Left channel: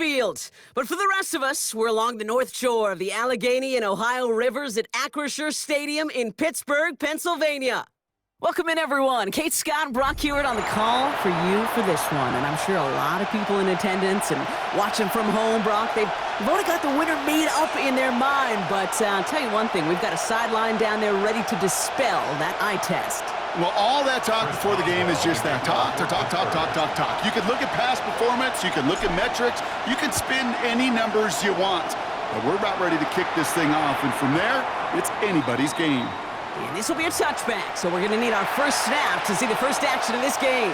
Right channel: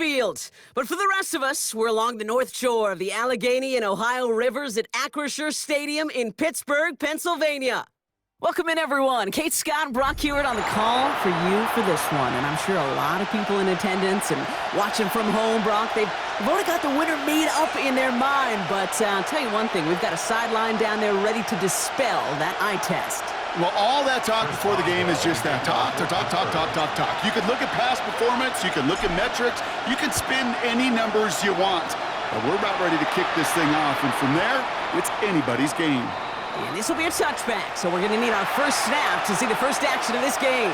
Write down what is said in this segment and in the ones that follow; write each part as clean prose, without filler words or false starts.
field. But for the rest of us, we're along the north shore of the Allegheny and Ohio rivers at Acrisure Stadium in Pittsburgh, Pennsylvania. Welcome in, everyone. Kate Scott and Brock Hewitt on the call for you for this one. And I'm sure a lot of people in attendance and watching from home, Brock, they've already got the winner made up in their mind. But I'll tell you one thing, we've got a sideline down there ready to dispel that eye test. Well, all that talk before the game is just that talk. You can look at past performance, you can look at metrics, you can spin any numbers you want. But we're about ready to kick this thing off, and from there, it's anybody's game. And this will be a touchback, so we're going to need our first snap to see the first action of this game.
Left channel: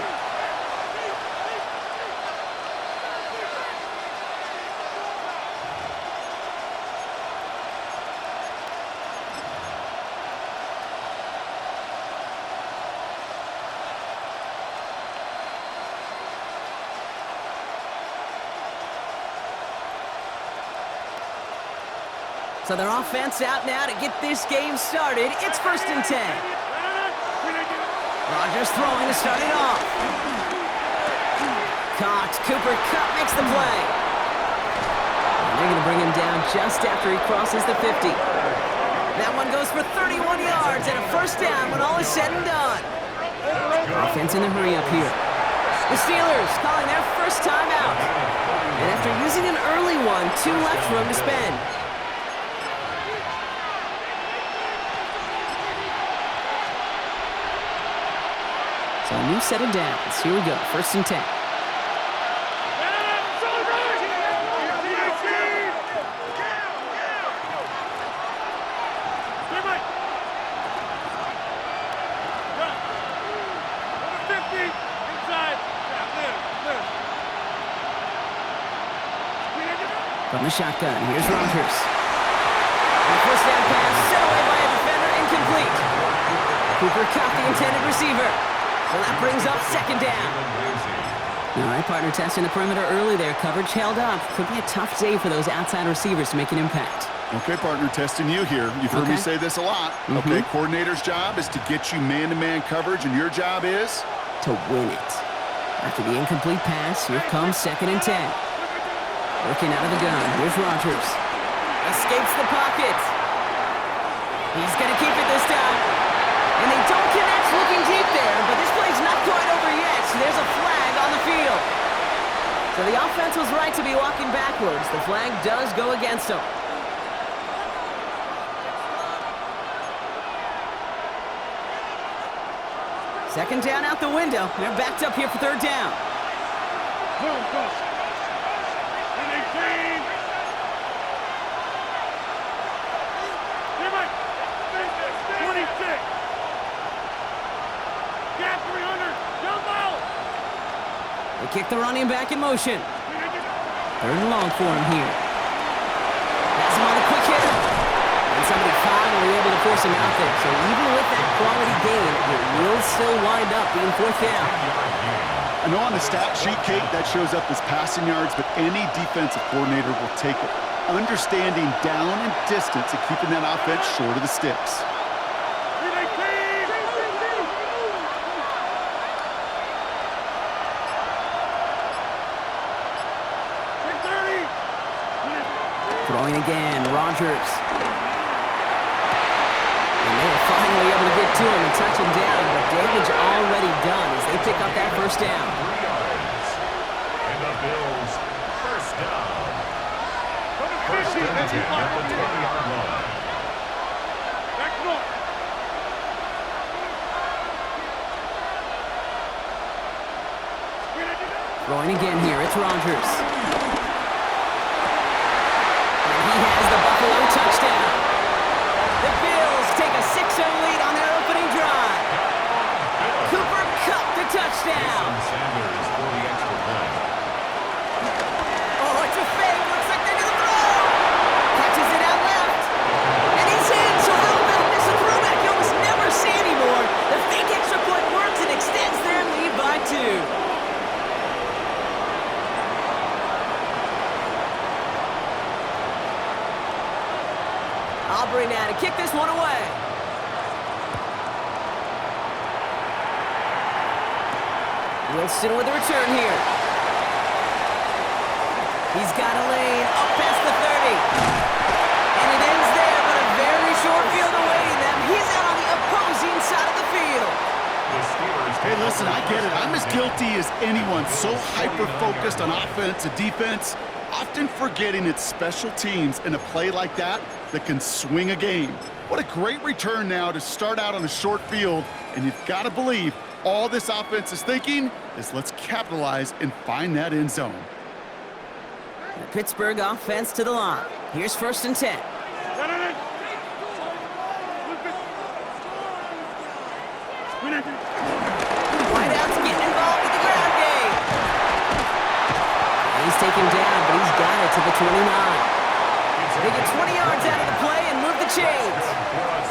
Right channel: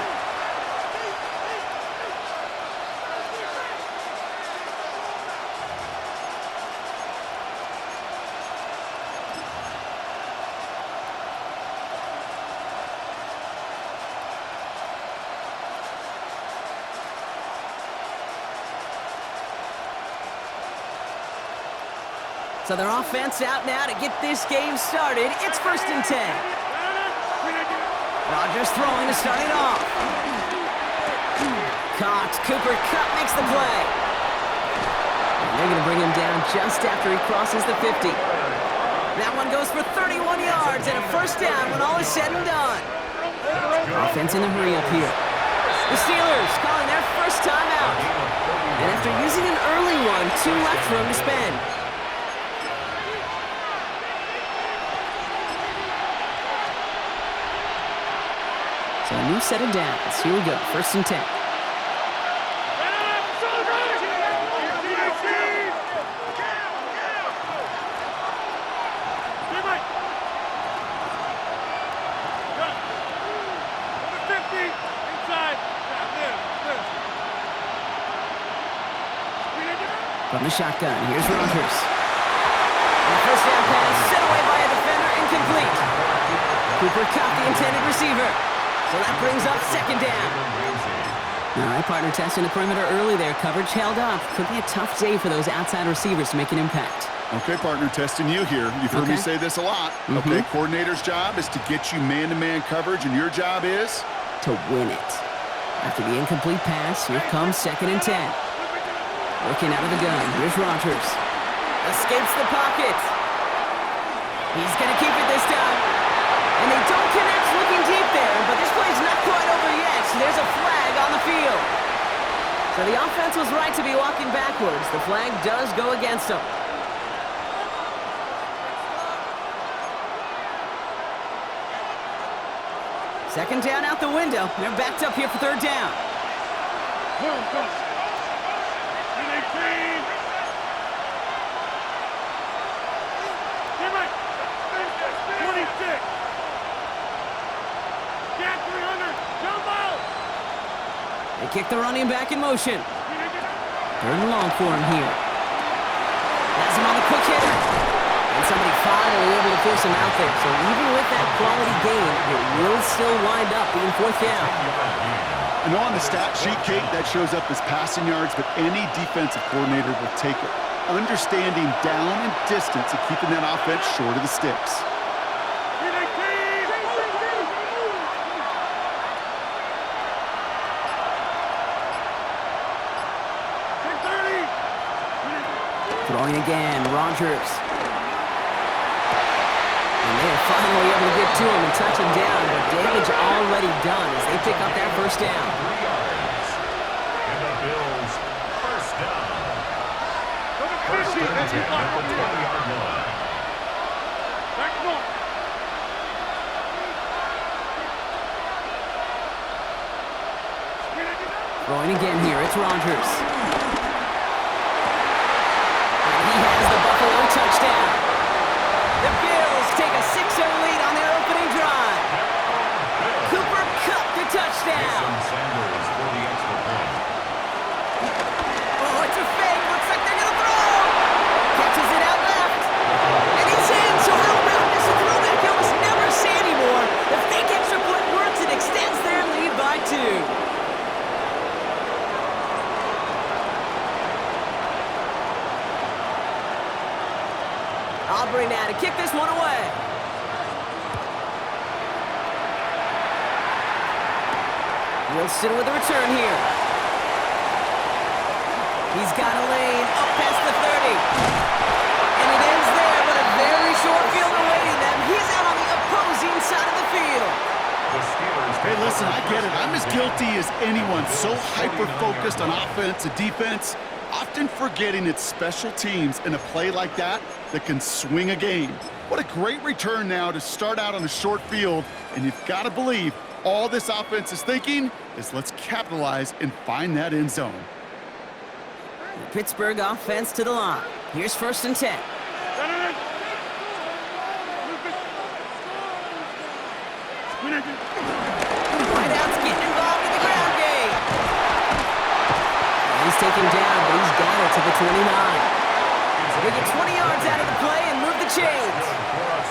So their offense out now to get this game started. It's 1st and 10. Rodgers throwing to start it off. Caught. Cooper Kupp makes the play. And they're going to bring him down just after he crosses the 50. That one goes for 31 yards and a first down when all is said and done. Offense in the hurry up here. The Steelers calling their first time out. And after using an early one, 2 left for him to spend. So a new set of downs. Here we go, 1st and 10. From the shotgun, here's Rodgers. And a first down pass set away by a defender, incomplete. Cooper Kupp, the intended receiver. So that brings up 2nd down. All right, partner, testing the perimeter early there. Coverage held up. Could be a tough day for those outside receivers to make an impact. Okay, partner, testing you here. You've heard me say this a lot. Okay, coordinator's job is to get you man-to-man coverage, and your job is? To win it. After the incomplete pass, here comes 2nd and 10. Working out of the gun. Here's Rodgers. Escapes the pocket. He's going to keep it this time. And they don't connect looking deep there, but this play's not quite over yet. There's a flag on the field. So the offense was right to be walking backwards. The flag does go against them. Second down out the window. They're backed up here for 3rd down. Go. 26. Got 300. Jump out. They kick the running back in motion. 3rd and long for him here. Has him on the quick hitter. And somebody finally able to force him out there. So even with that quality gain, it will still wind up being 4th down. I know on the stat sheet, Kate, that shows up as passing yards, but any defensive coordinator will take it. Understanding down and distance and keeping that offense short of the sticks. Throwing again, Rodgers. And they are finally able to get to him and touch him down, but damage already done as they pick up that first down. 3 yards. And the Bills' first down. First and 10 at the 20-yard line. Back north. Throwing again here, it's Rodgers. And he has the Buffalo touchdown. The Bills take a 6-0 lead on their opening drive. Cooper Kupp the touchdown. Sanders for the extra point. Oh, it's a fake. Looks like they're going to throw. Catches it out left. And he's in. So how about this? A throwback you almost never see anymore. The fake extra point works and extends their lead by 2. Aubrey now to kick this one away. Wilson with a return here. He's got a lane up past the 30. And it ends there, but a very short field awaiting them. He's out on the opposing side of the field. Hey, listen, I get it. I'm as guilty as anyone. So hyper-focused on offense and defense, often forgetting it's special teams in a play like that that can swing a game. What a great return now to start out on a short field, and you've got to believe all this offense is thinking is let's capitalize and find that end zone. The Pittsburgh offense to the line. Here's 1st and 10. Whiteout's getting involved in the ground game. He's taken down, but he's got it to the 29. They get 20 yards out of the play and move the chains.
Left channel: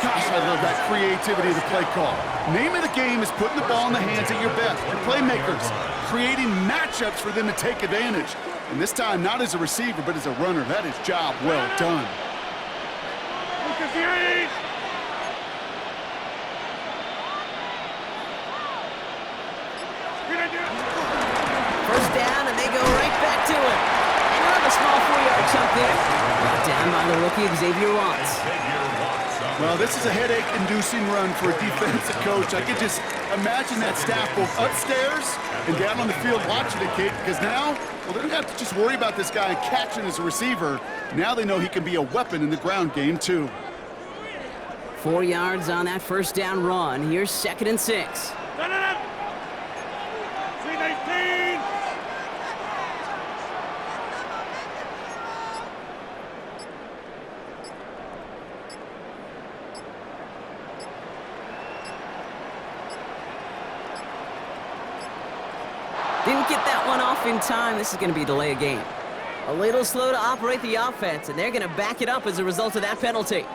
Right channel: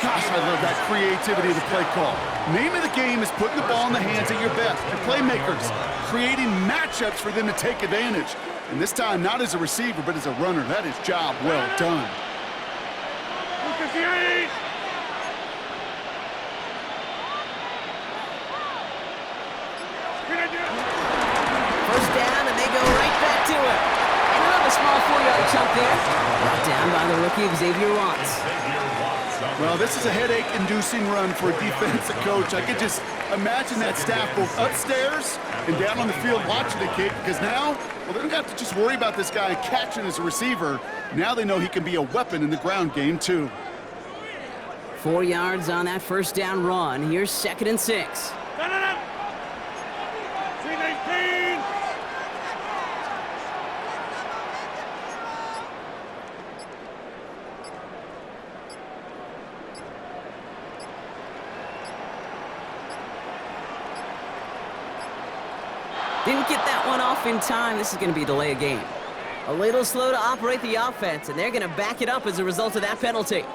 Gosh, I love that creativity of the play call. Name of the game is putting the ball in the hands of your best, your playmakers, creating matchups for them to take advantage. And this time, not as a receiver, but as a runner. That is job well done. First down, and they go right back to it. And another small 4-yard chunk there. Brought down by the rookie, Xavier Watts. Well, this is a headache-inducing run for a defensive coach. I could just imagine that staff both upstairs and down on the field watching it, Kate, because now, well, they don't have to just worry about this guy catching as a receiver. Now they know he can be a weapon in the ground game, too. 4 yards on that first down run. Here's 2nd and 6. Didn't get that one off in time. This is going to be a delay of game. A little slow to operate the offense, and they're going to back it up as a result of that penalty.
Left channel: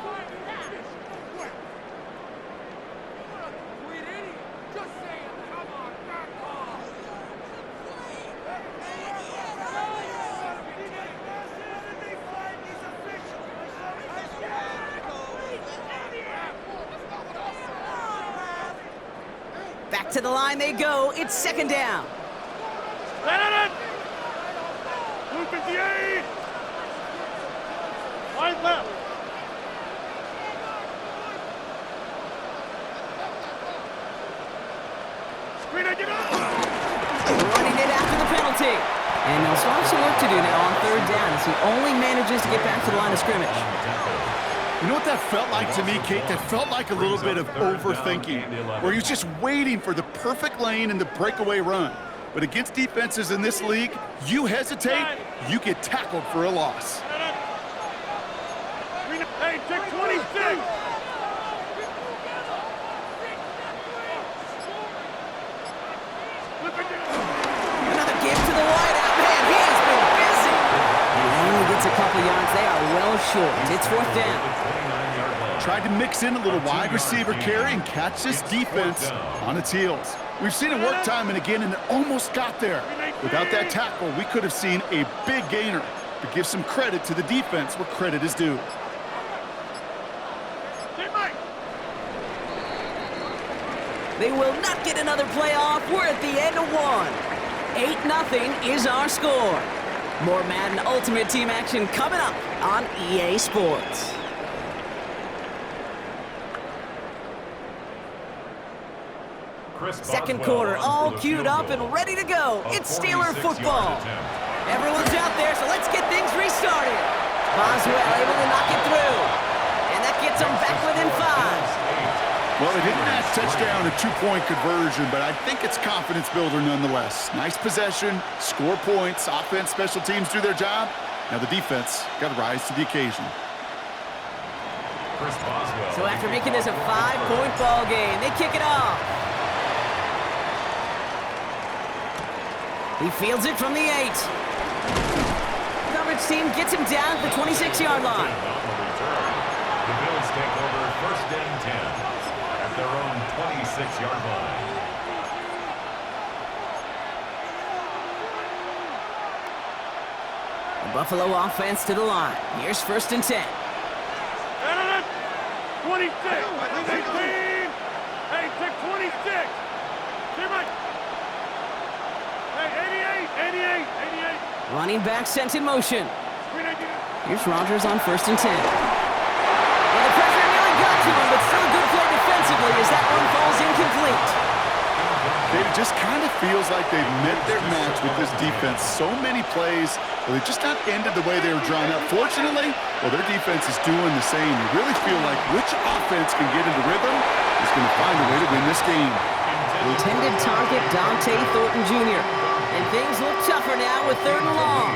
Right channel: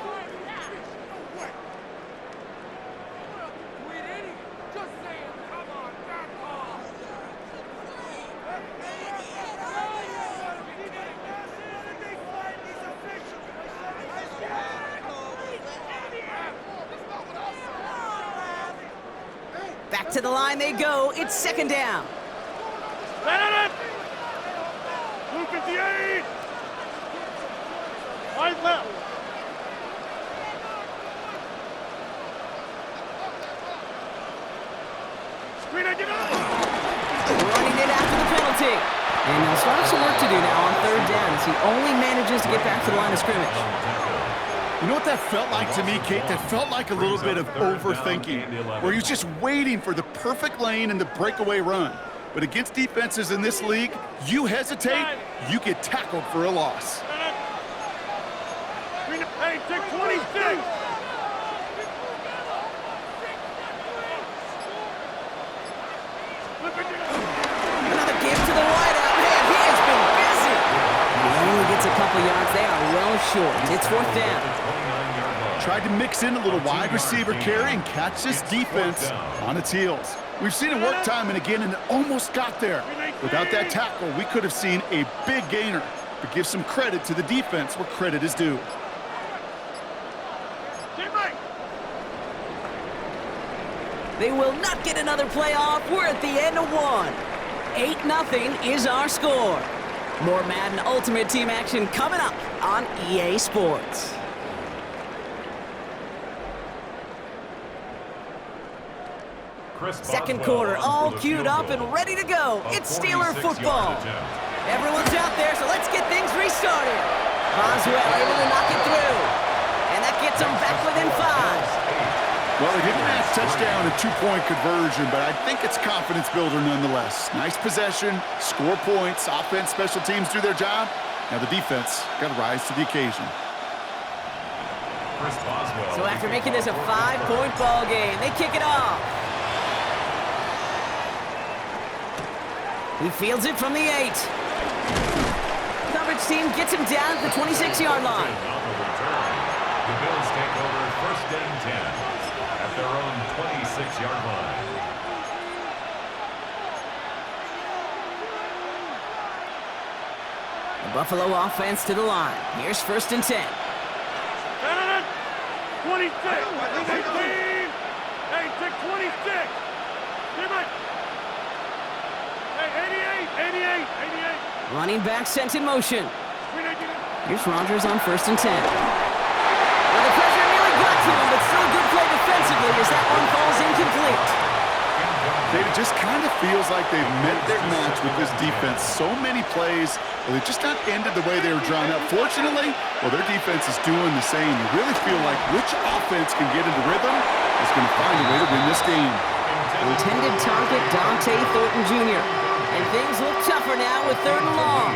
Back to the line they go. It's 2nd down. Blue 58. Wide left. Screen it, get up. Running it after the penalty. And they'll start some work to do now on 3rd down as he only manages to get back to the line of scrimmage. You know what that felt like to me, Kate? That felt like a little bit of overthinking, where he's just waiting for the perfect lane and the breakaway run. But against defenses in this league, you hesitate, you get tackled for a loss. Hey, take 26. Another give to the wideout. Man, he has been busy. And he only gets a couple yards. They are well short. It's 4th down. Tried to mix in a little wide receiver carry and catch this defense on its heels. We've seen it work time and again, and it almost got there. Without that tackle, we could have seen a big gainer. But give some credit to the defense where credit is due. They will not get another play off. We're at the end of one. 8-0 is our score. More Madden Ultimate Team action coming up on EA Sports. Second quarter, all queued up and ready to go. It's Steeler football. Everyone's out there, so let's get things restarted. Boswell able to knock it through. And that gets them back within 5. Well, they didn't match touchdown and 2-point conversion, but I think it's confidence builder nonetheless. Nice possession, score points, offense, special teams do their job. Now the defense got to rise to the occasion. So after making this a 5-point ball game, they kick it off. He fields it from the 8. Coverage team gets him down at the 26-yard line. On the return, the Bills take over 1st and 10 at their own 26-yard line. The Buffalo offense to the line. Here's 1st and 10. 26. 18. Hey, take 26. Hey, 88. Running back sent in motion. Screen it, get it. Here's Rodgers on 1st and 10. Well, the pressure nearly got to him, but still a good play defensively as that one falls incomplete. It just kind of feels like they've met their match with this defense. So many plays, well, they just not ended the way they were drawn up. Fortunately, well, their defense is doing the same. You really feel like which offense can get into rhythm is going to find a way to win this game. Intended target Dante Thornton Jr. And things look tougher now with 3rd and long.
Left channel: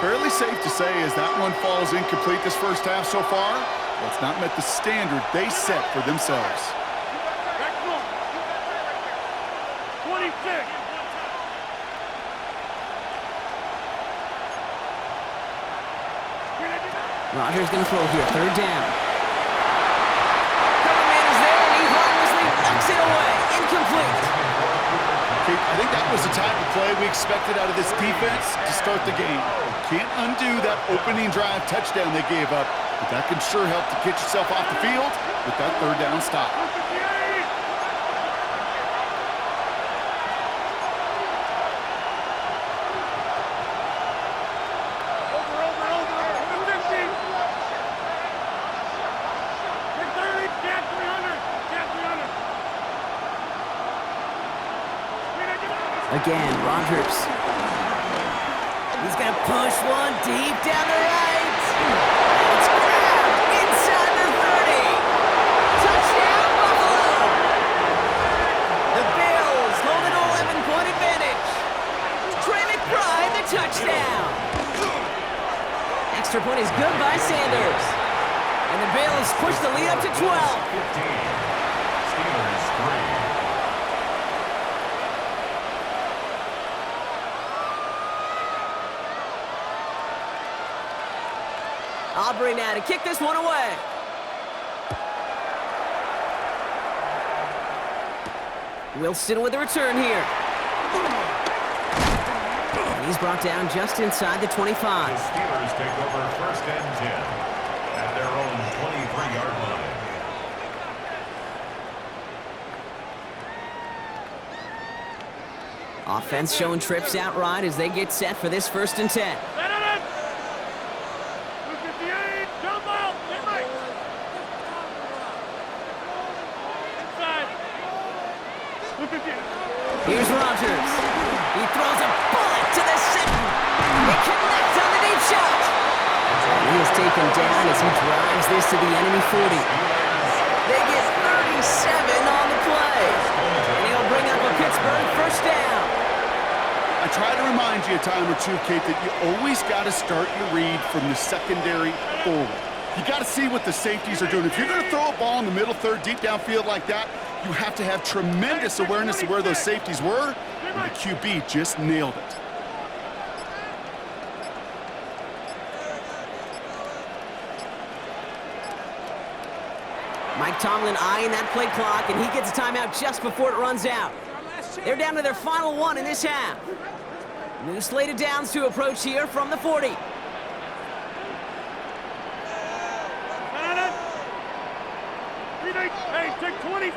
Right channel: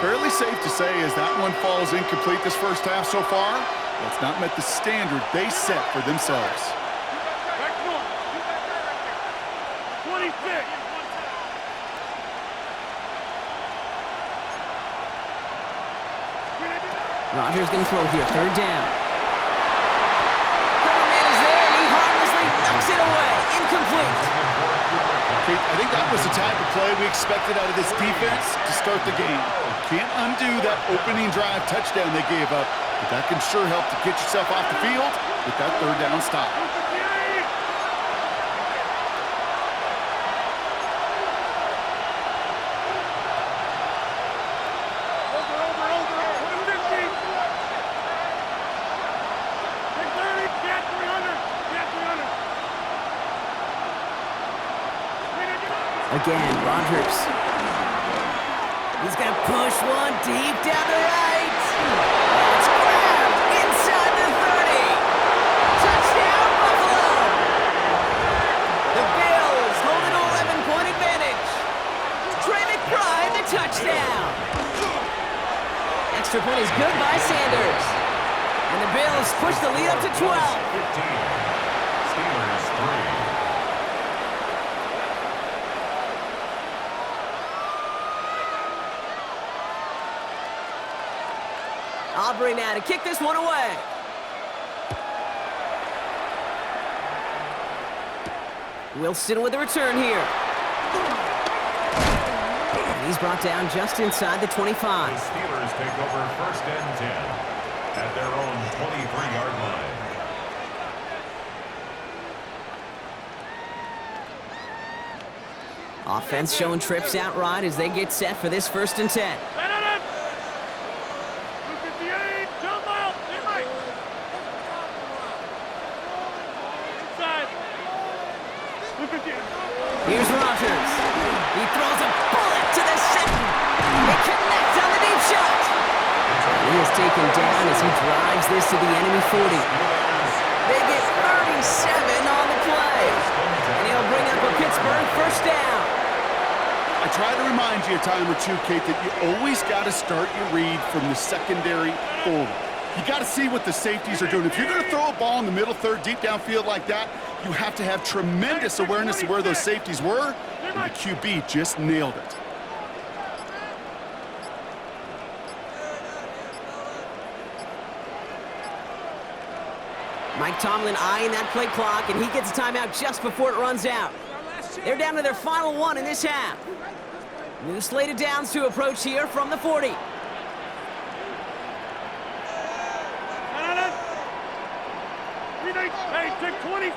Fairly safe to say as that one falls incomplete this first half so far, well, it's not met the standard they set for themselves. Back north. 26. Screen it, get it. Rodgers going to throw here, 3rd down. Cover man is there, and he harmlessly knocks it away. Incomplete. Kate, I think that was the type of play we expected out of this defense to start the game. Can't undo that opening drive touchdown they gave up, but that can sure help to get yourself off the field with that 3rd down stop. 58. Over. 50. Take 30. Get 300. Get 300. Screen it, get it. Again, Rodgers. He's going to push one deep down the right. And it's grabbed inside the 30. Touchdown, Buffalo. The Bills hold an 11-point advantage. Trey McBride, the touchdown. Extra point is good by Sanders. And the Bills push the lead up to 12. 15. Steelers 3. Aubrey now to kick this one away. Wilson with the return here. And he's brought down just inside the 25. The Steelers take over 1st and 10 at their own 23-yard line. Offense showing trips out right as they get set for this 1st and 10. Set it. 58. Jump out. They might. Inside. 58. Here's Rodgers. He throws a bullet to the center. It connects on the deep shot. He is taken down as he drives this to the enemy 40. They get 37 on the play. And he'll bring up a Pittsburgh 1st down. I try to remind you a time or two, Kate, that you always got to start your read from the secondary forward. You got to see what the safeties are doing. If you're going to throw a ball in the middle third, deep downfield like that, you have to have tremendous awareness of where those safeties were, and the QB just nailed it. Mike Tomlin eyeing that play clock, and he gets a timeout just before it runs out. They're down to their final one in this half. New slated downs to approach here from the 40. Hey, take 26.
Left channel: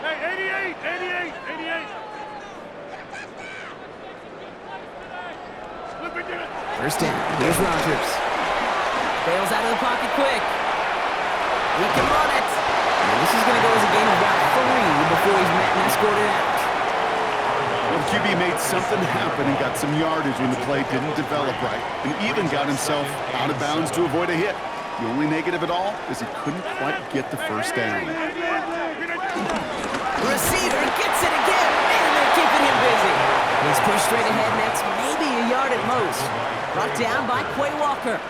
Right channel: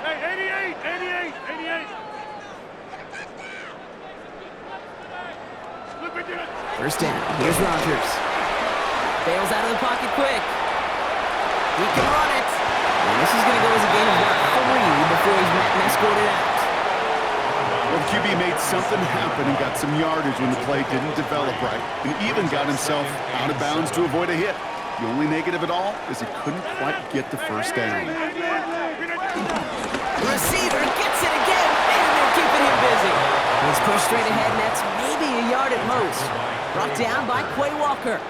Hey, 88. Flip it, get it. 1st down. Here's Rodgers. Bails out of the pocket quick. He can run it. And this is going to go as a gain of about 3 before he's met and escorted out. Well, the QB made something happen and got some yardage when the play didn't develop right, and even got himself out of bounds to avoid a hit. The only negative at all is he couldn't quite get the 1st down. Receiver gets it again. Man, they're keeping him busy. He's pushed straight ahead, and that's maybe a yard at most. Brought down by Quay Walker.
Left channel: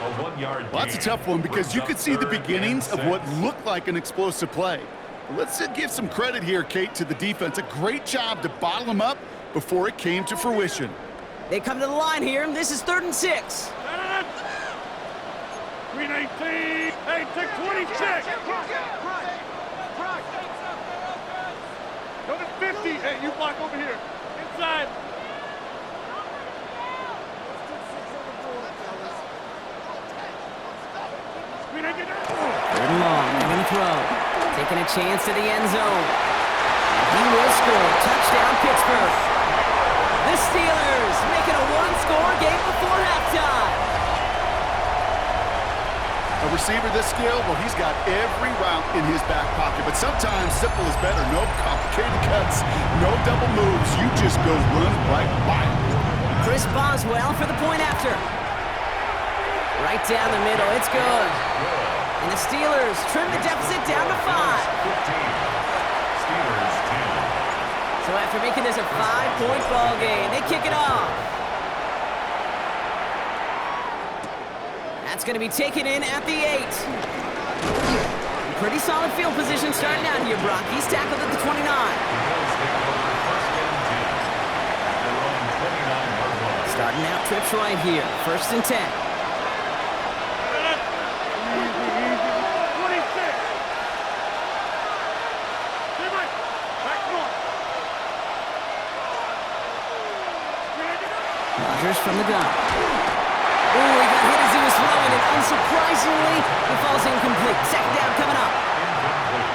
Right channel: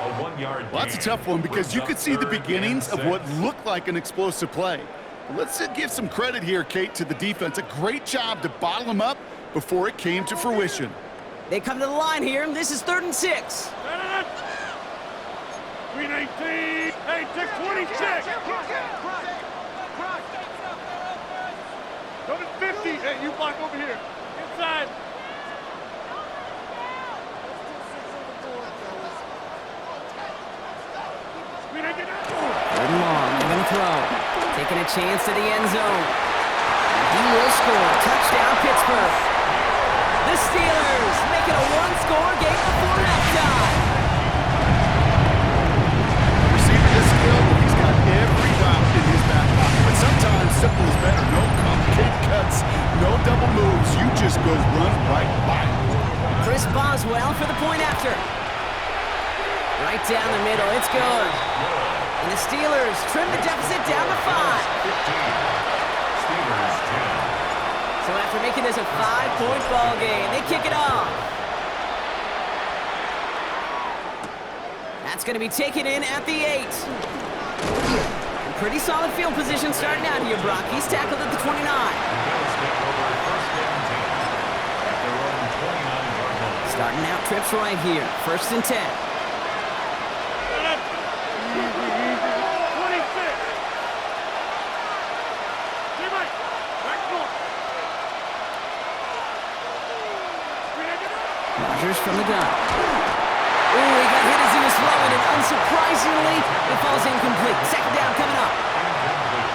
A 1-yard Well, that's a tough one because you could see the beginnings of what looked like an explosive play. But let's give some credit here, Kate, to the defense. A great job to bottle them up before it came to fruition. They come to the line here, and this is 3rd and 6. Green 18. Hey, take 26. Go to 50. Hey, you block over here. Inside. Green 18. 3rd and long. They're going to throw. Taking a chance to the end zone. And he will score. Touchdown, Pittsburgh. The Steelers make it a one-score game before halftime. A receiver this skilled, well, he's got every route in his back pocket. But sometimes simple is better. No complicated cuts, no double moves. You just go run right by him. Chris Boswell for the point after. Right down the middle. It's good. And the Steelers trim the deficit down to 5. 15. Steelers 10. So after making this a 5-point ball game, they kick it off. That's going to be taken in at the 8. And pretty solid field position starting out here, Brock. He's tackled at the 29. The Bills take over first and 10 at their own 29-yard line. Starting out trips right here. First and 10. 26. Stay back. Back north. Rodgers from the gun. Ooh, he got hit as he was throwing, and unsurprisingly, it falls incomplete. Second down coming up.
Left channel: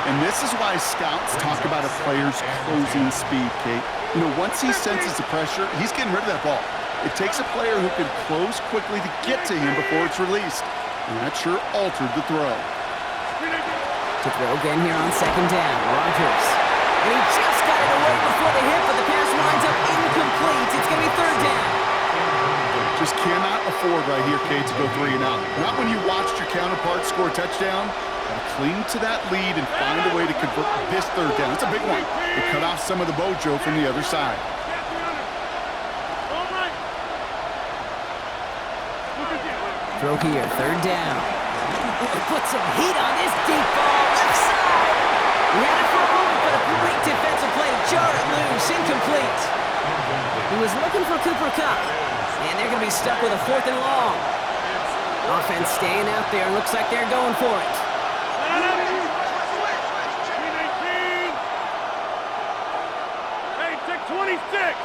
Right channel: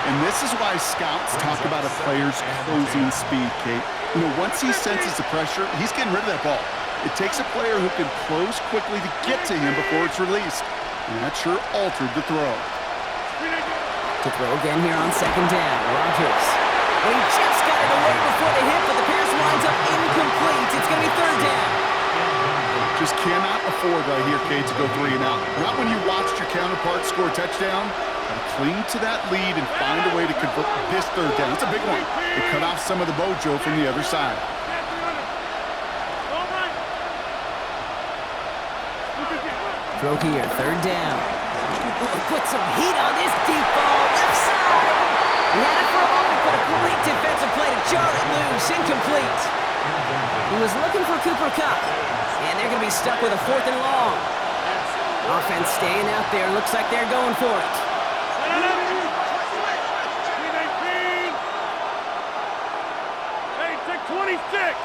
And this is why scouts talk about a player's closing speed, Kate. You know, once he senses the pressure, he's getting rid of that ball. It takes a player who can close quickly to get to him before it's released. And that sure altered the throw. To throw again here on second down, Rodgers. And he just got it away before the hit, but the pass winds up incomplete. It's going to be third down. Just cannot afford right here, Kate, to go 3 and out. Not when you watched your counterpart score a touchdown. Gotta cling to that lead and find a way to convert this third down. It's a big one. It cut off some of the mojo from the other side. Throw here, third down. Oh, put some heat on this deep ball, left side. He had it for a moment, but a great defensive play to jar it loose, incomplete. He was looking for Cooper Kupp, and they're going to be stuck with a 4th and long. Offense staying out there, looks like they're going for it. Hey, take 26.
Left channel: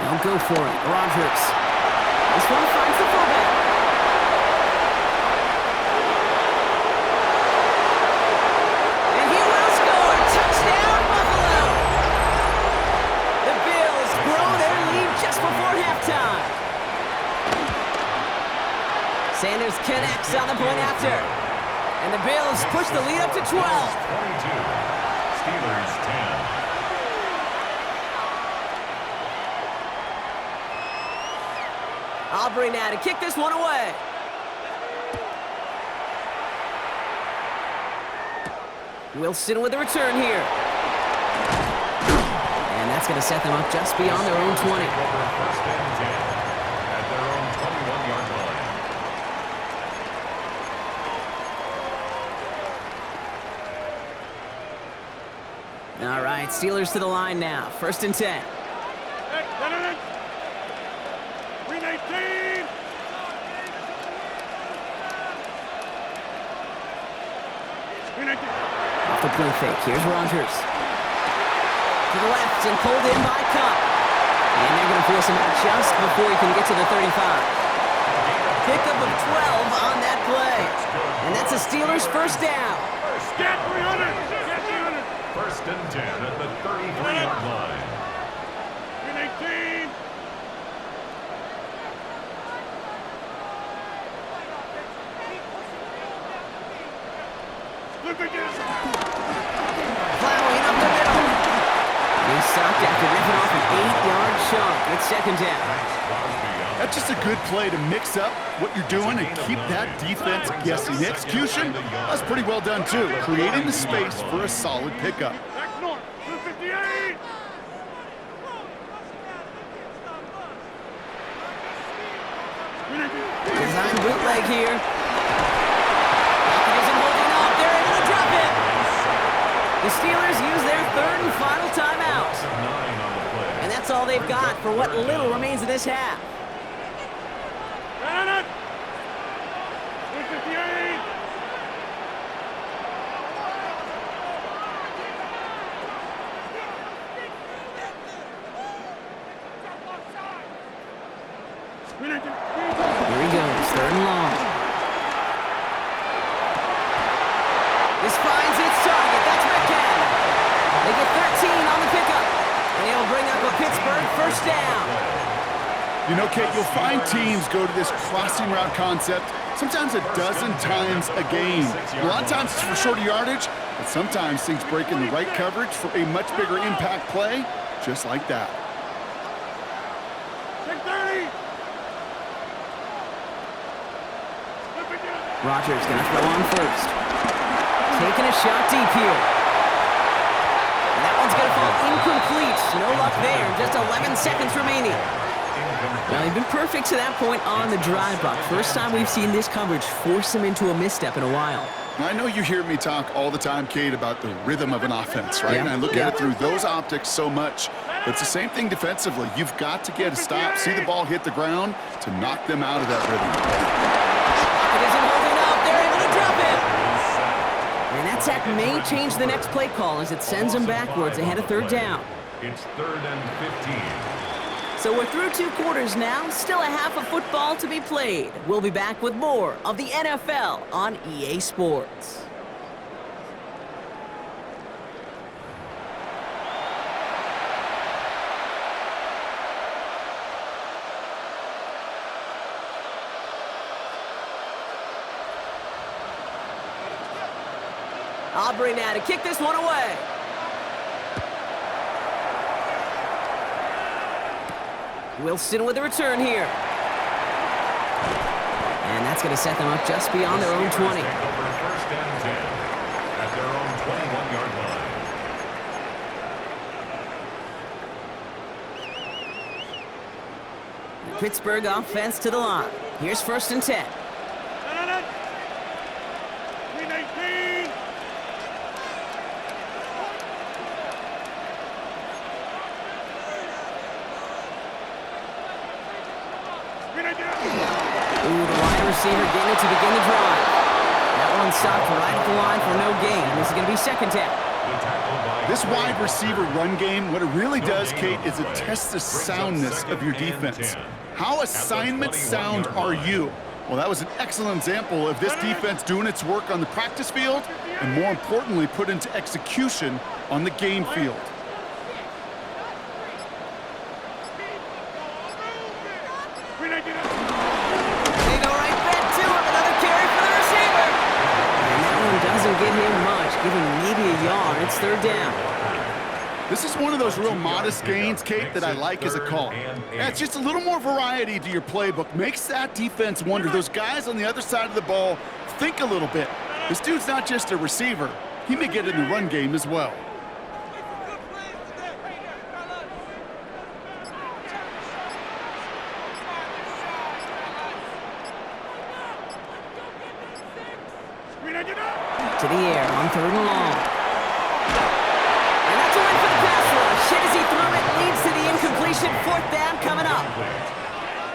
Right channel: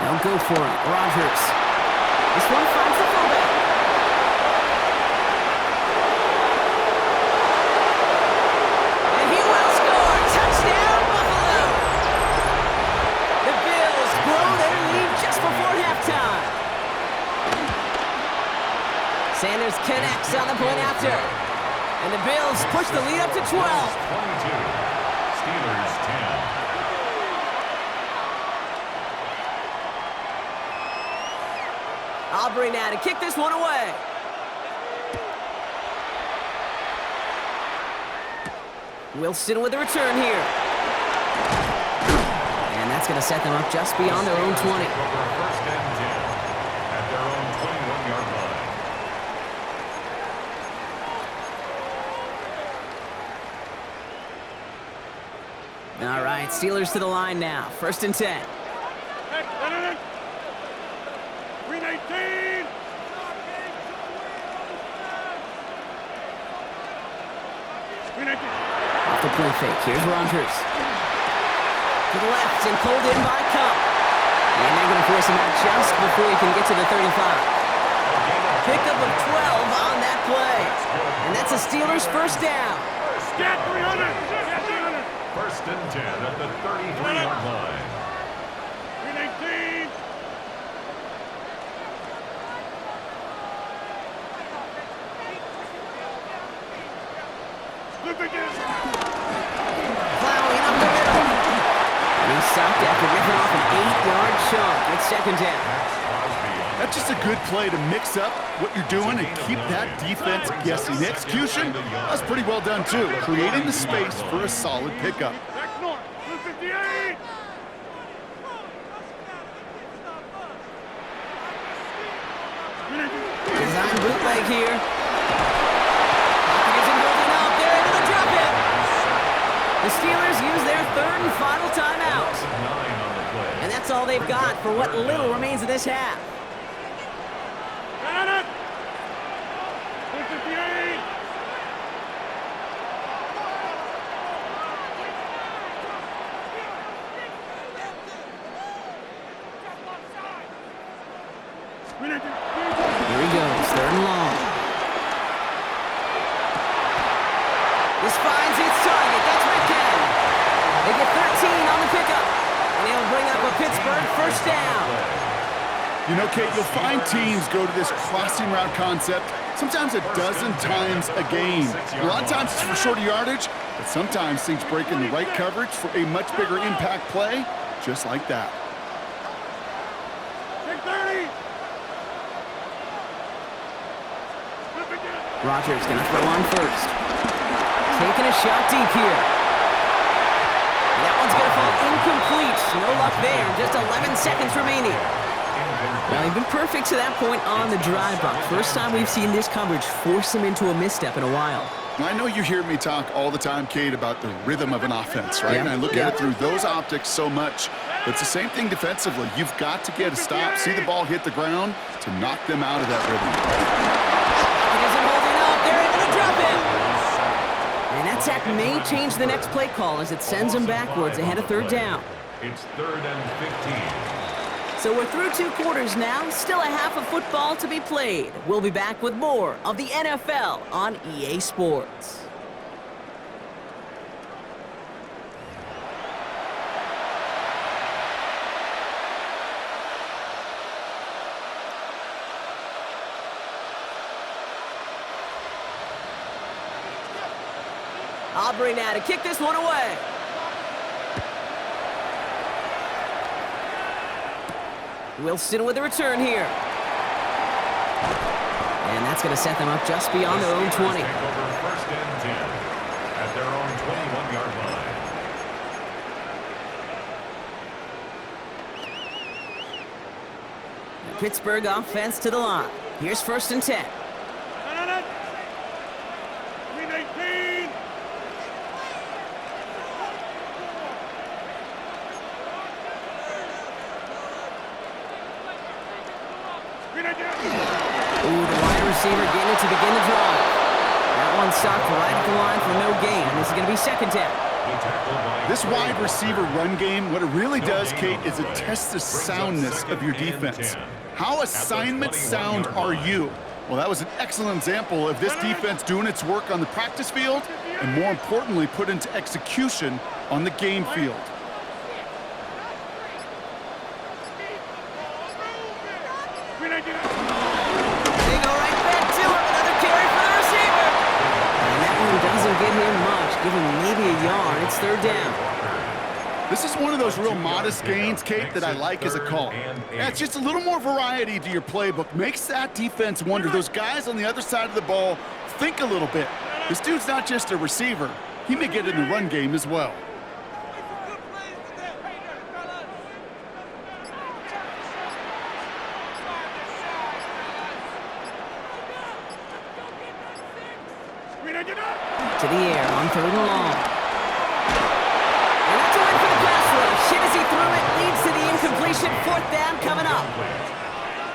They'll go for it. Rodgers. This one finds the fullback. And he will score. Touchdown, Buffalo. The Bills grow their lead just before halftime. Sanders connects on the point after. And the Bills push the lead up to 12. 22. Steelers 10. Aubrey now to kick this one away. Wilson with the return here. And that's going to set them up just beyond their own 20. Over first and 10 at their own 21-yard line. All right, Steelers to the line now. First and 10. 319. Off the play fake. Here's Rodgers. To the left and pulled in by Kupp. And they're going to force him out just before he can get to the 35. Pickup of 12 on that play. And that's a Steelers first down. Get 300. Get 300. First and 10 at the 33-yard line. 319. Plowing up the middle. And he's stopped after ripping off an 8-yard chunk. It's second down. That's just a good play to mix up what you're doing and keep that defense guessing. The execution, that's pretty well done too. Creating the space for a solid pickup. Back north. 258. Design bootleg here. Isn't holding up. They're able to drop it. The Steelers use their third and final timeout. And that's all they've got for what little remains of this half. 258. Here he goes, third and long. This finds its target. That's Metcalf. They get 13 on the pickup. And it'll bring up a Pittsburgh first down. You know, Kate, you'll find teams go to this crossing route concept sometimes a dozen times a game. A lot of times it's for shorter yardage, but sometimes things break in the right coverage for a much bigger impact play, just like that. 630. Rodgers gonna throw on first. Taking a shot deep here. And that one's gonna fall incomplete. No luck there. Just 11 seconds remaining. Well, he's been perfect to that point on the drive, Buck. First time we've seen this coverage force him into a misstep in a while. I know you hear me talk all the time, Kate, about the rhythm of an offense, right? And I look at it through those optics so much. But it's the same thing defensively. You've got to get a stop, see the ball hit the ground to knock them out of that rhythm. It isn't holding up. They're able to drop it. And that sack may change the next play call as it sends them backwards ahead of third down. It's 3rd and 15. So we're through 2 quarters now, still a half of football to be played. We'll be back with more of the NFL on EA Sports. Aubrey now to kick this one away. Wilson with a return here. And that's going to set them up just beyond their own 20. Take over 1st and 10 at their own 21-yard line. The Pittsburgh offense to the line. Here's 1st and 10. 319. Ooh, the wide receiver getting it to begin the drive. That one stopped right at the line for no gain. This is going to be 2nd down. This wide receiver run game, what it really does, Kate, is it tests the soundness of your defense. How assignment sound are you? Well, that was an excellent example of this defense doing its work on the practice field and, more importantly, put into execution on the game field. They go right back to him. Another carry for the receiver. And that one doesn't get him much. Give him maybe a yard. It's 3rd down. This is one of those real modest gains, Kate, that I like as a call. Yeah, it's just a little more variety to your playbook. Makes that defense wonder. Those guys on the other side of the ball think a little bit. This dude's not just a receiver. He may get in the run game as well. To the air on 3rd and long. And that's a win for the pass rush. Hit as he threw it, leads to the incompletion. 4th down coming up.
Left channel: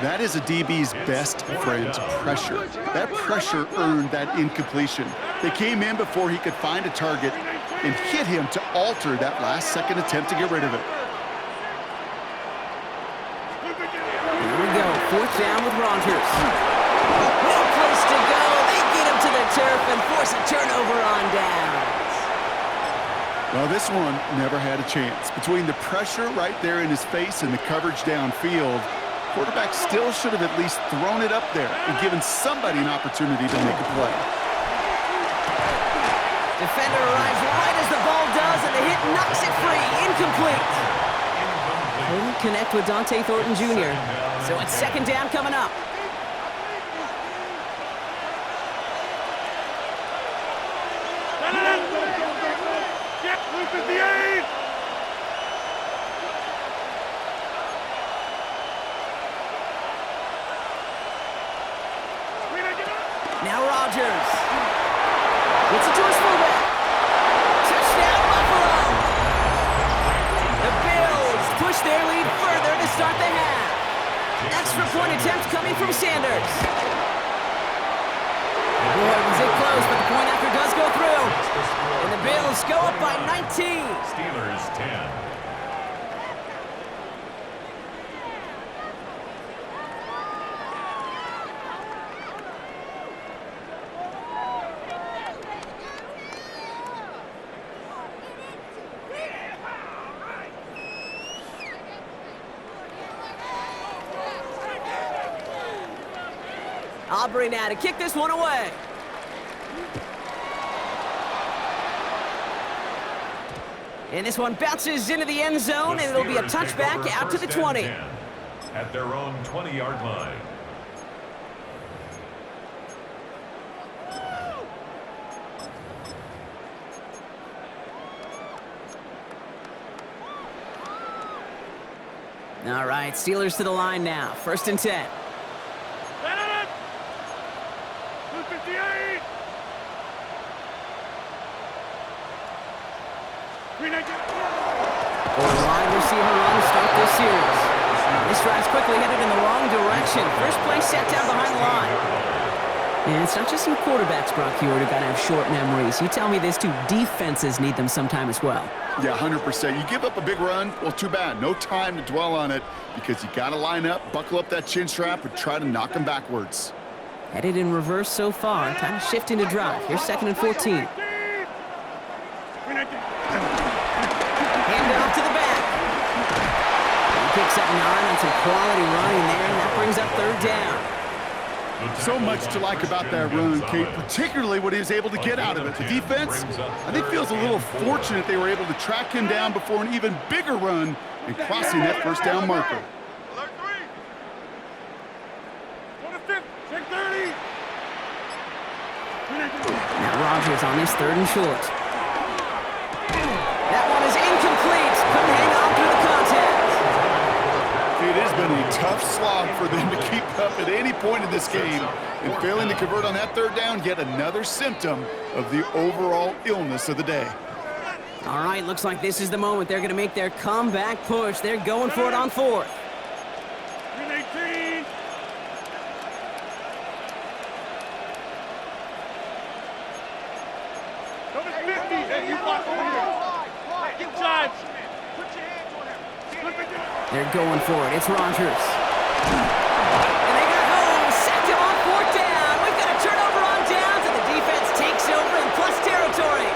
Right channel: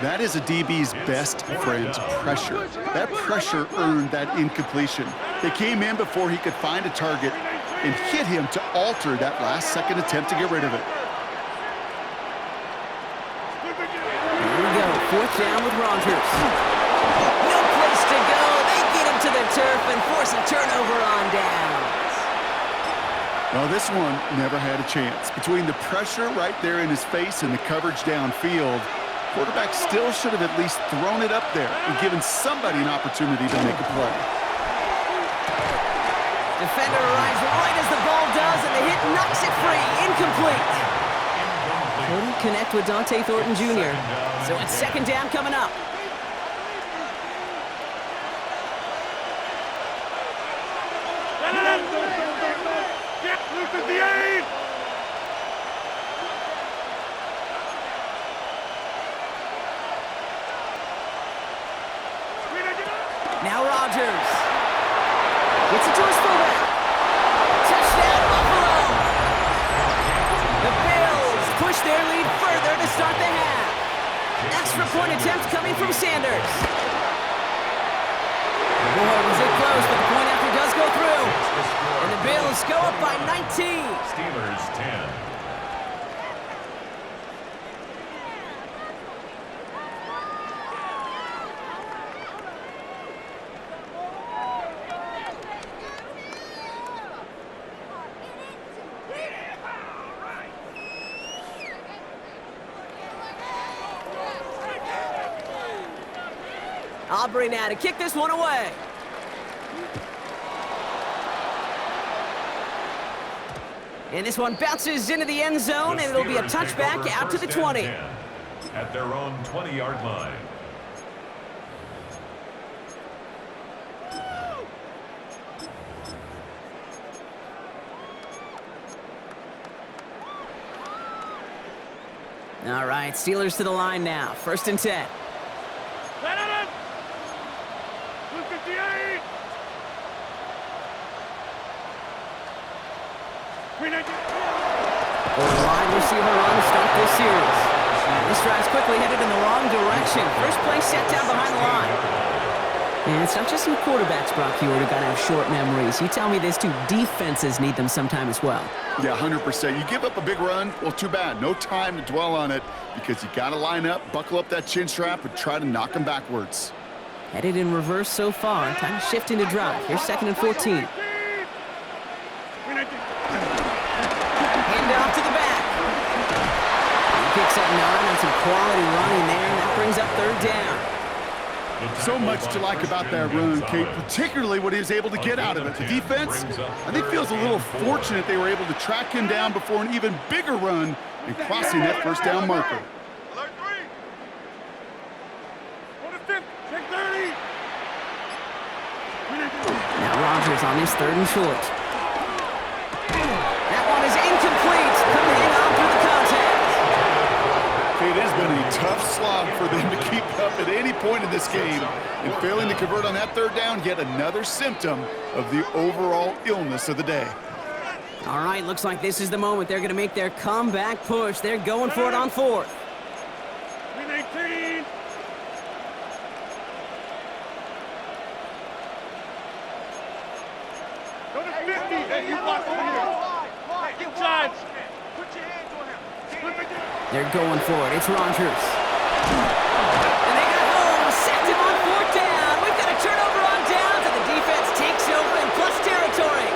That is a DB's best friend, pressure. That pressure earned that incompletion. They came in before he could find a target and hit him to alter that last-second attempt to get rid of it. Here we go, 4th down with Rodgers. No place to go. They get him to the turf and force a turnover on downs. Well, this one never had a chance. Between the pressure right there in his face and the coverage downfield, quarterback still should have at least thrown it up there and given somebody an opportunity to make a play. Defender arrives right as the ball does, and the hit knocks it free. Incomplete. Couldn't connect with Dante Thornton Jr. So it's 2nd down coming up. Lucas the 8. Now Rodgers gets it to his fullback. Touchdown, Buffalo. The Bills push their lead further to start the half. Extra point attempt coming from Sanders. Boy, was it close, but the point after does go through. And the Bills go up by 19. Steelers 10. Aubrey now to kick this one away. And this one bounces into the end zone, and it'll be a touchback out to the 20. At their own 20-yard line. All right, Steelers to the line now. 1st and 10. 258. For the wide receiver run to start this series. This drive's quickly headed in the wrong direction. First play set down behind the line. And it's not just some quarterbacks, Brock Hewitt, who got to have short memories. You tell me this too, defenses need them sometime as well. Yeah, 100%. You give up a big run, well, too bad. No time to dwell on it because you got to line up, buckle up that chin strap, and try to knock them backwards. Headed in reverse so far. Time to shift into drive. Here's 2nd and 14. Hand off to the back. He picks up 9 on some quality running there, and that brings up 3rd down. So much to like about that run, Kate, particularly what he was able to get out of it. The defense, I think, feels a little fortunate they were able to track him down before an even bigger run and crossing that 1st down marker. Alert 3. Go to 5th. Check 30. Now Rodgers on this 3rd and short. That one is incomplete. Couldn't hang on through the contact. It has been a tough slog for them to keep up at any point in this game. And failing to convert on that 3rd down, yet another symptom of the overall illness of the day. All right, looks like this is the moment they're going to make their comeback push. They're going for it on 4th. 18. Go to 50. Hey, you block over here. Get charged. Put your hands on him. They're going for it. It's Rodgers. And they got home. Sacked him on 4th down. We've got a turnover on downs, and the defense takes over in plus territory.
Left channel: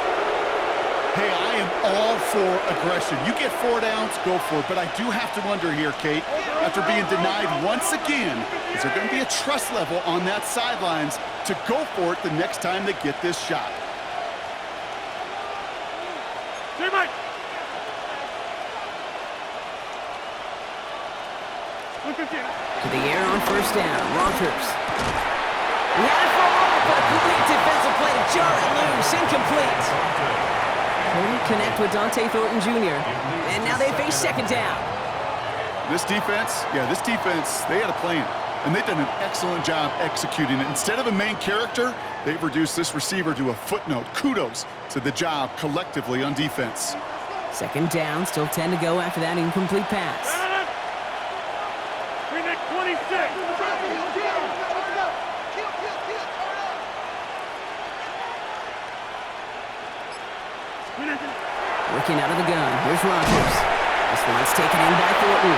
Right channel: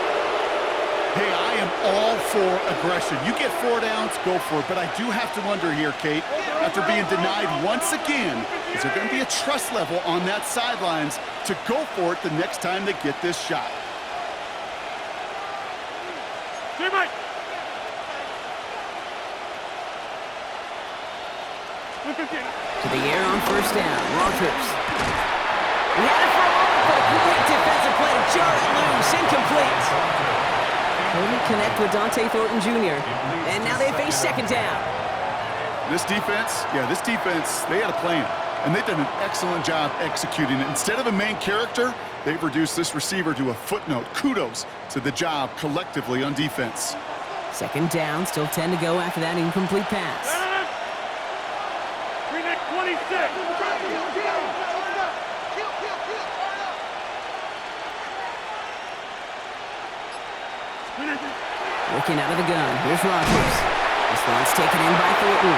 Hey, I am all for aggression. You get 4 downs, go for it. But I do have to wonder here, Kate, after being denied once again, is there going to be a trust level on that sidelines to go for it the next time they get this shot? To the air on 1st down. Rodgers. He had it for a moment, but a great defensive play to jar it loose. Incomplete. Couldn't connect with Dante Thornton Jr. And now they face 2nd down. This defense, they had a plan. And they've done an excellent job executing it. Instead of a main character, they've reduced this receiver to a footnote. Kudos to the job collectively on defense. 2nd down, still 10 to go after that incomplete pass. 26. Working out of the gun. Here's Rodgers. This one's taken in by Thornton.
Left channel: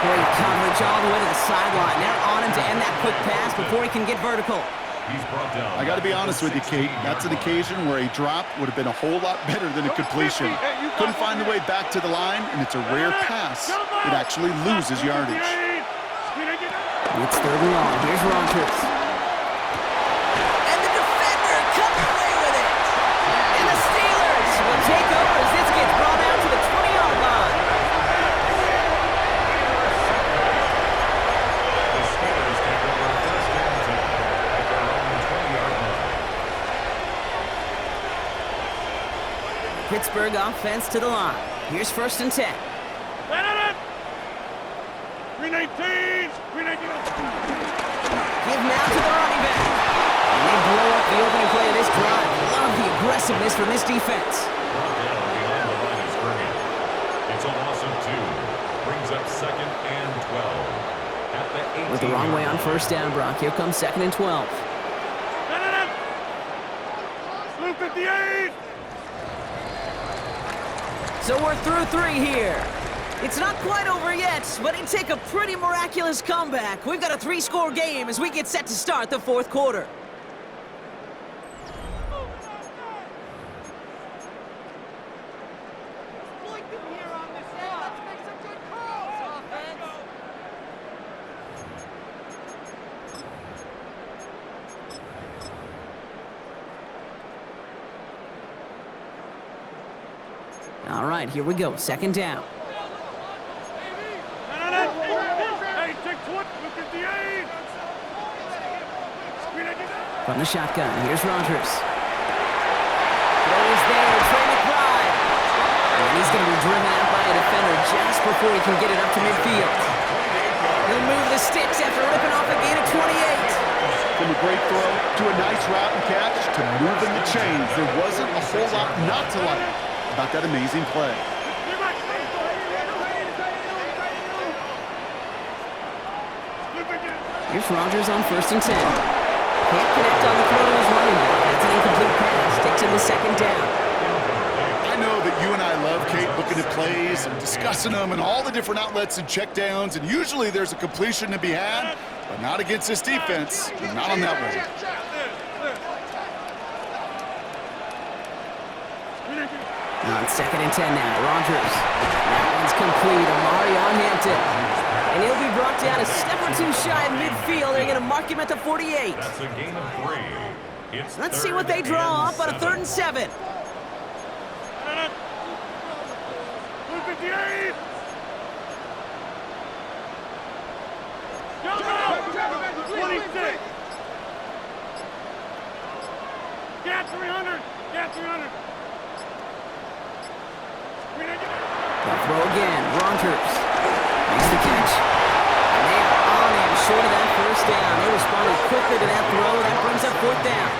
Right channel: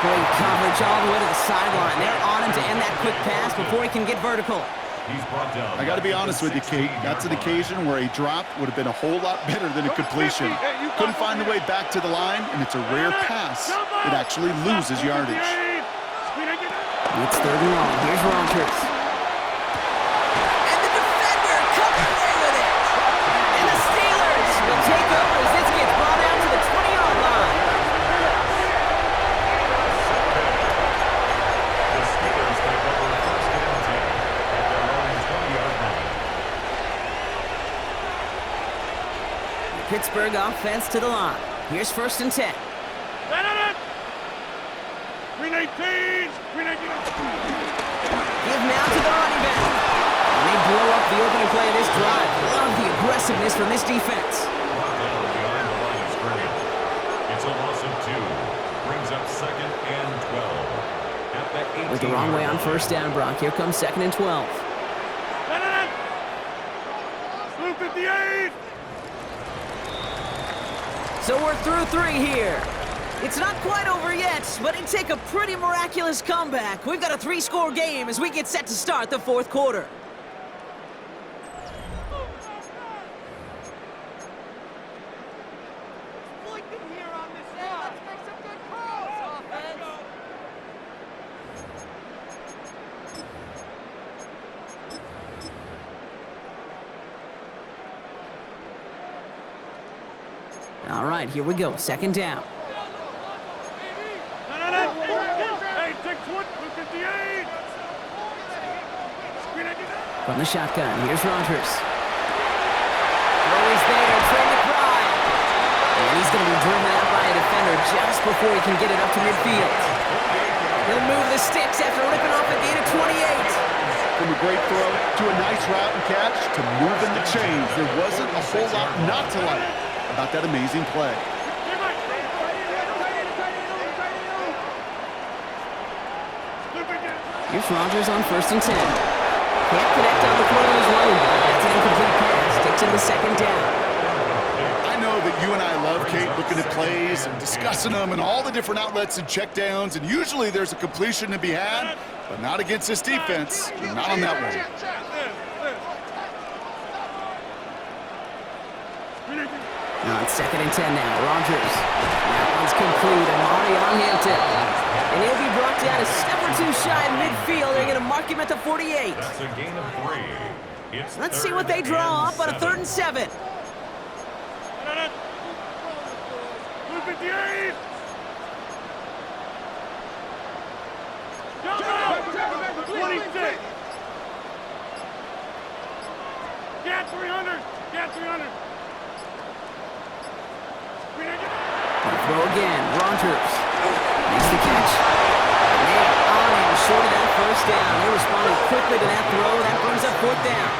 Great coverage all the way to the sideline. They're on him to end that quick pass before he can get vertical. He's brought down. I got to be honest with you, Kate. That's an occasion where a drop would have been a whole lot better than a completion. Couldn't find the way back to the line, and it's a rare pass that actually loses yardage. It's 3rd and long. Here's Rodgers. And the defender comes away with it. And the Steelers will take over as this gets brought out to the 20-yard line. The Steelers take over 1st and 10 at their own 20-yard line. The Pittsburgh offense to the line. Here's 1st and 10. 319. Give now to the running back. And they blow up the opening play of this drive. Love the aggressiveness from this defense. Brought down behind the line of scrimmage. It's a loss of 2. Brings up 2nd and 12. At the 18. With the wrong way on 1st down, Brock. Here comes 2nd and 12. 58. So we're through 3 here. It's not quite over yet, but it'd take a pretty miraculous comeback. We've got a 3-score game as we get set to start the 4th quarter. Exploit them here on this run. Let's make some good calls, offense. All right, here we go. Second down. Hey, take 20, look at the 8. From the shotgun, here's Rodgers. Throw is there, Trey McBride. And he's going to be driven out by a defender just before he can get it up to midfield. He'll move the sticks after ripping off a gain of 28. From a great throw to a nice route and catch to moving the chains, there wasn't a whole lot not to like about that amazing play. Here's Rodgers on 1st and 10. Can't connect on the throw to his running back. That's an incomplete pass. Takes him to second down. I know that you and I love, Kate, looking at plays and discussing them and all the different outlets and checkdowns, and usually there's a completion to be had, but not against this defense. Not on that one. Now it's 2nd and 10 now. Rodgers. That one's complete. Amari on Hampton. And he'll be brought down a step or two shy of midfield. They're going to mark him at the 48. That's a gain of 3. Let's see what they draw up on a 3rd and 7. Look at the 8. Go! 26. Get 300. Get 300. They'll throw again. Rodgers makes the catch. And they are on him short of that 1st down. They responded quickly to that throw. That brings up 4th down.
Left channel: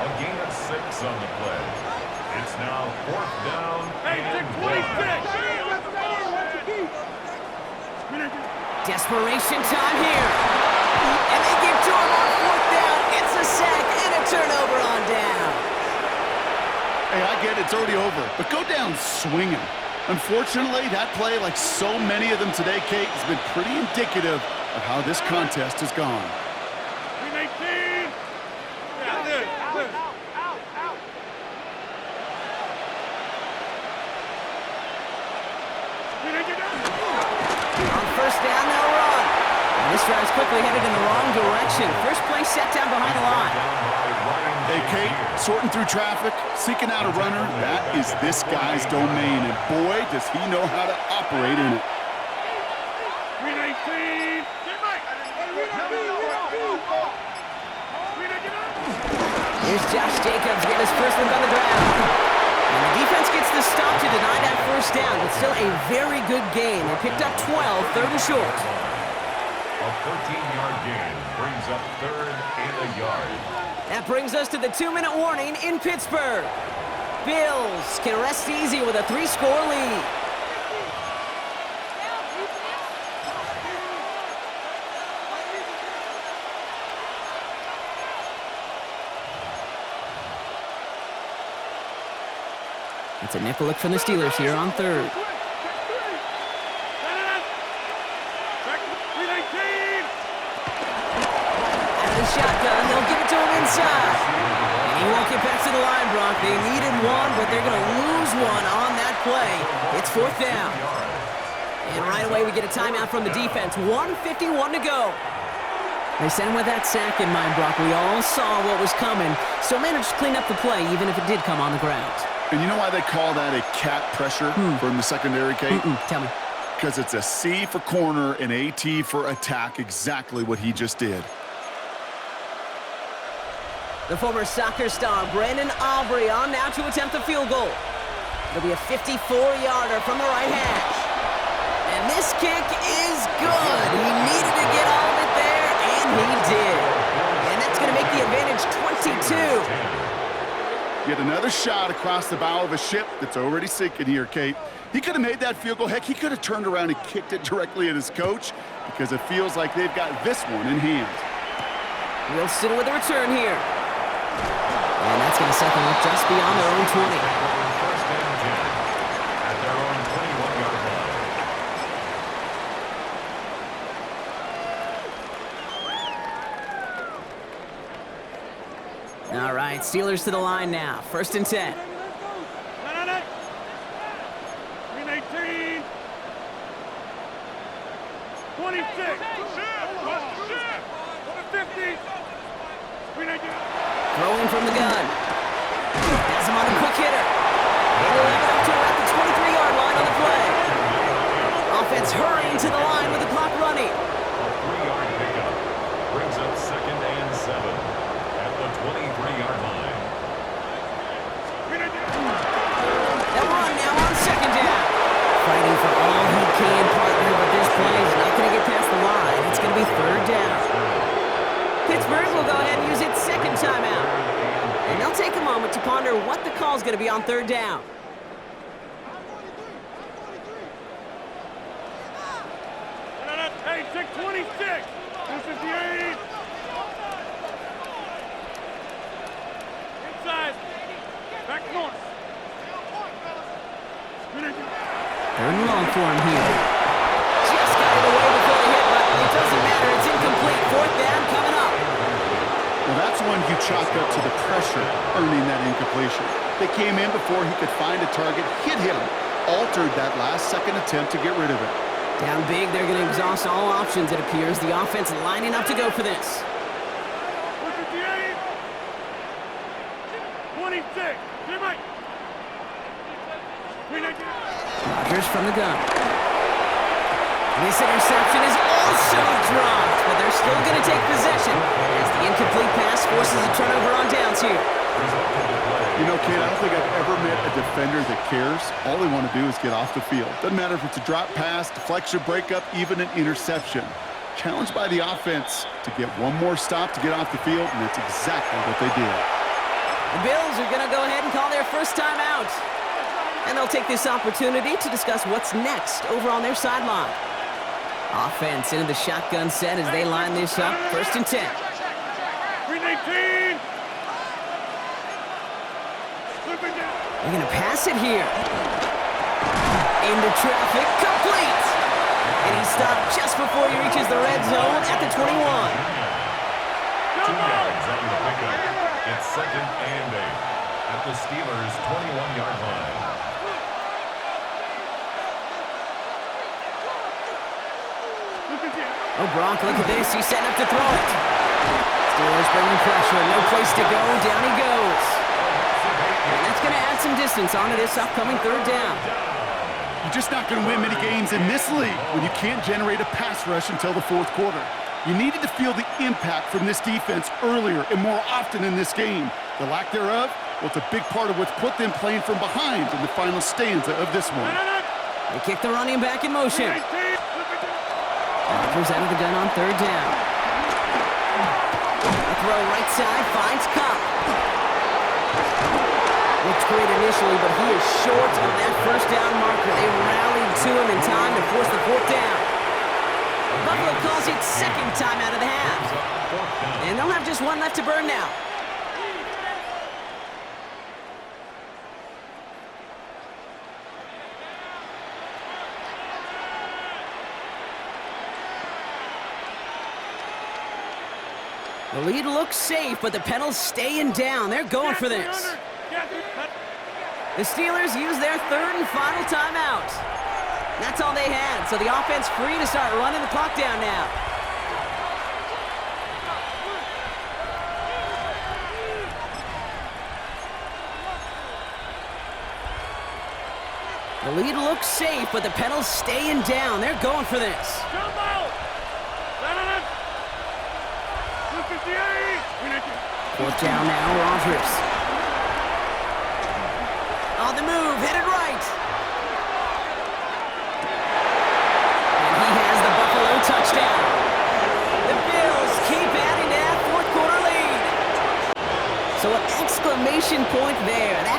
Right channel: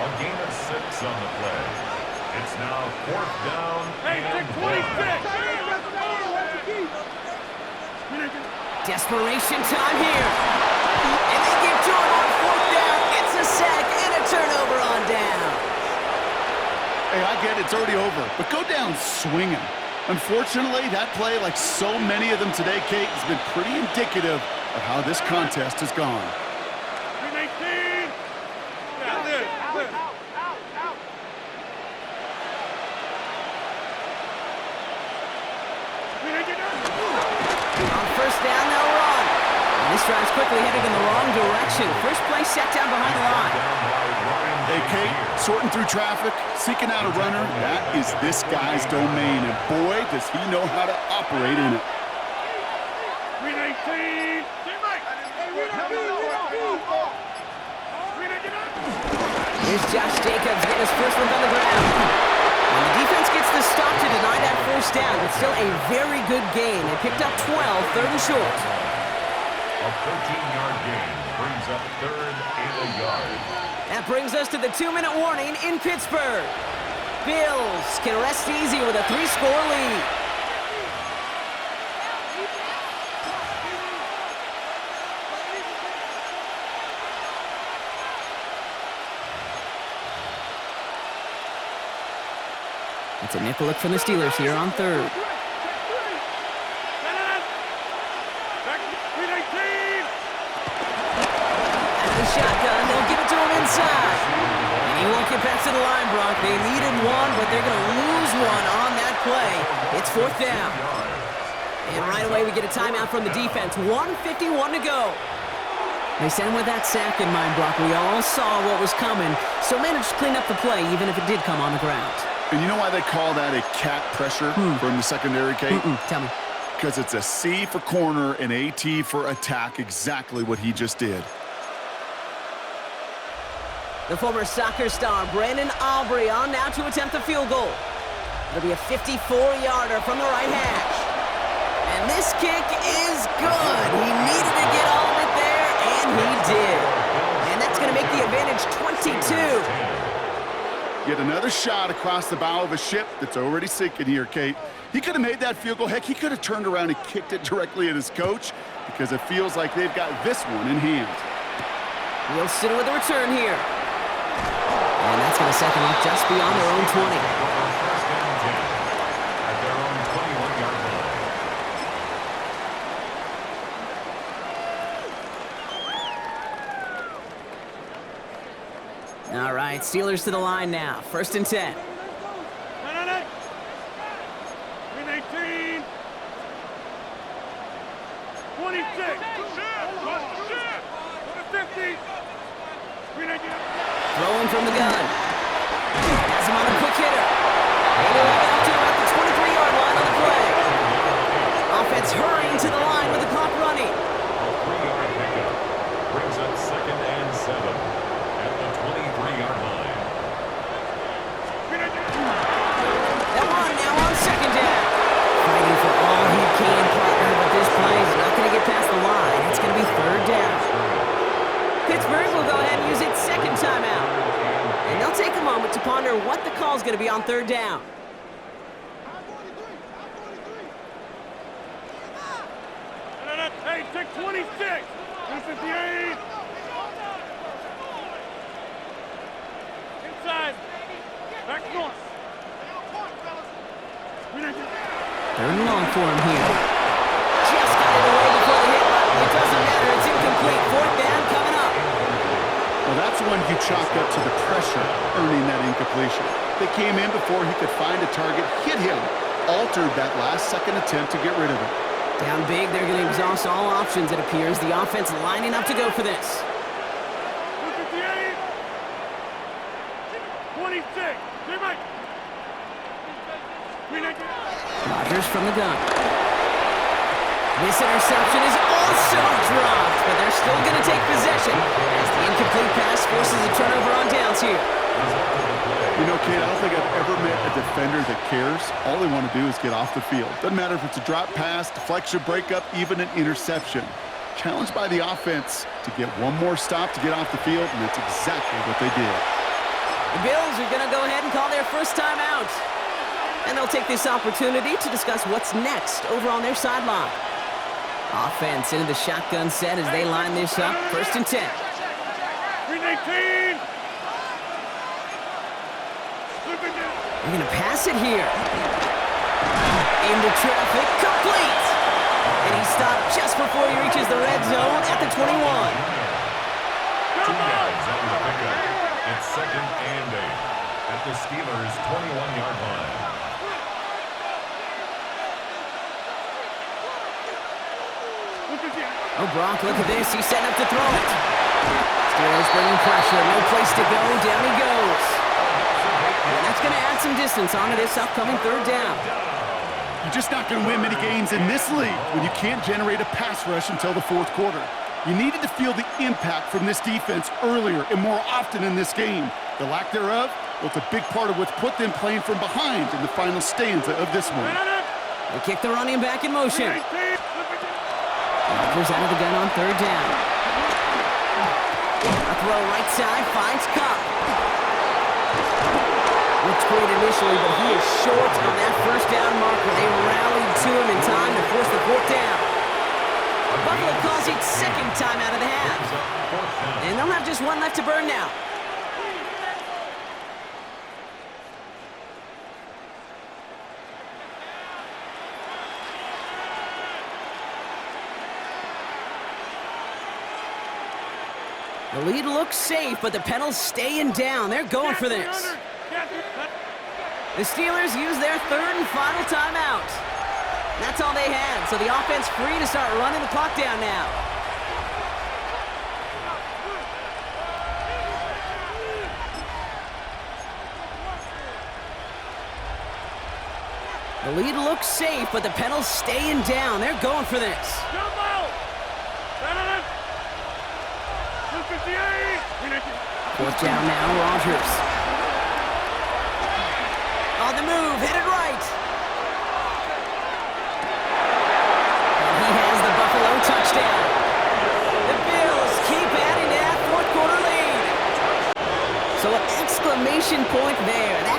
A gain of 6 on the play. It's now 4th down. Hey, take 26. Desperation time here. And they get to him on 4th down. It's a sack and a turnover on down. Hey, I get it, it's already over, but go down swinging. Unfortunately, that play, like so many of them today, Kate, has been pretty indicative of how this contest has gone. 18. Yeah, this. On 1st down, they'll run. And this drive's quickly headed in the wrong direction. First play set down behind the line. Hey, Kate, sorting through traffic, seeking out a runner, that is this guy's domain, and boy, does he know how to operate in it. 18. Here's Josh Jacobs getting his first look on the ground. And the defense gets the stop to deny that 1st down, but still a very good game. They picked up 12, 3rd and short. A 13-yard gain brings up 3rd and a yard. That brings us to the 2-minute warning in Pittsburgh. Bills can rest easy with a 3-score lead. It's a nickel look from the Steelers here on 3rd. Out of the shotgun, they'll give it to him inside. And he won't get back to the line, Brock. They needed one, but they're going to lose one on that play. It's 4th down. And right away we get a timeout from the defense. 1:51 to go. They sent him with that sack in mind, Brock. We all saw what was coming. Still managed to clean up the play, even if it did come on the ground. And you know why they call that a cat pressure from the secondary, Kate? Tell me. Because it's a C for corner and a T for attack, exactly what he just did. The former soccer star, Brandon Aubrey, on now to attempt the field goal. It'll be a 54-yarder from the right hash. And this kick is good. He needed to get all of it there, and he did. And that's going to make the advantage 22. Yet another shot across the bow of a ship that's already sinking here, Kate. He could have made that field goal. Heck, he could have turned around and kicked it directly at his coach because it feels like they've got this one in hand. Wilson with a return here. And that's going to set them up just beyond their own 20. First and 10 at their own 21-yard line. All right, Steelers to the line now. 1st and 10. 18. 26. 50. Throwing from the gun. Has him on a quick hitter. And he'll have it up to about the 30-yard line. They'll run now on second down. Fighting for all he can, partner, but this play is not going to get past the line. It's going to be third down. Pittsburgh will go ahead and use its second timeout. And they'll take a moment to ponder what the call is going to be on third down. Hey, take 26. 258. Inside. Back north. Third and long for him here. Just got it away before the hit, but it doesn't matter. It's incomplete. Fourth down coming up. Well, that's one you chalk up to the pressure earning that incompletion. They came in before he could find a target, hit him, altered that last-second attempt to get rid of it. Down big, they're going to exhaust all options, it appears. The offense lining up to go for this. 258. 26. Mike. Rodgers from the gun. This interception is also dropped, but they're still going to take possession as the incomplete pass forces a turnover on downs here. You know, Kate, I don't think I've ever met a defender that cares. All they want to do is get off the field. Doesn't matter if it's a drop pass, deflection, breakup, even an interception. Challenged by the offense to get one more stop to get off the field, and that's exactly what they did. The Bills are going to go ahead and call their first time out. And they'll take this opportunity to discuss what's next over on their sideline. Offense into the shotgun set as they line this up. First and 10. 319. They're going to pass it here. Into traffic, complete. And he stopped just before he reaches the red zone at the 21. 2 yards on the pickup. It's second and 8 at the Steelers' 21-yard line. Oh, Brock, look at this. He's setting up to throw it. Steelers bringing pressure. No place to go. Down he goes. And that's going to add some distance onto this upcoming third down. You're just not going to win many games in this league when you can't generate a pass rush until the fourth quarter. You needed to feel the impact from this defense earlier and more often in this game. The lack thereof, well, it's a big part of what's put them playing from behind in the final stanza of this one. They kick the running back in motion. Rodgers out of the gun on third down. A throw right side, finds Cup. Looks great initially, but he is short of that first down marker. They rallied to him in time to force the fourth down. Buffalo calls it second time out of the half. And they'll have just one left to burn now. The lead looks safe, but the Penals staying down. They're going for this. The Steelers use their third and final timeout. That's all they had, so the offense free to start running the clock down now. The lead looks safe, but the Penals staying down. They're going for this. Fourth down now, Rodgers. On the move, headed right. And he has the Buffalo touchdown. The Bills keep adding to that fourth quarter lead. So an exclamation point there. That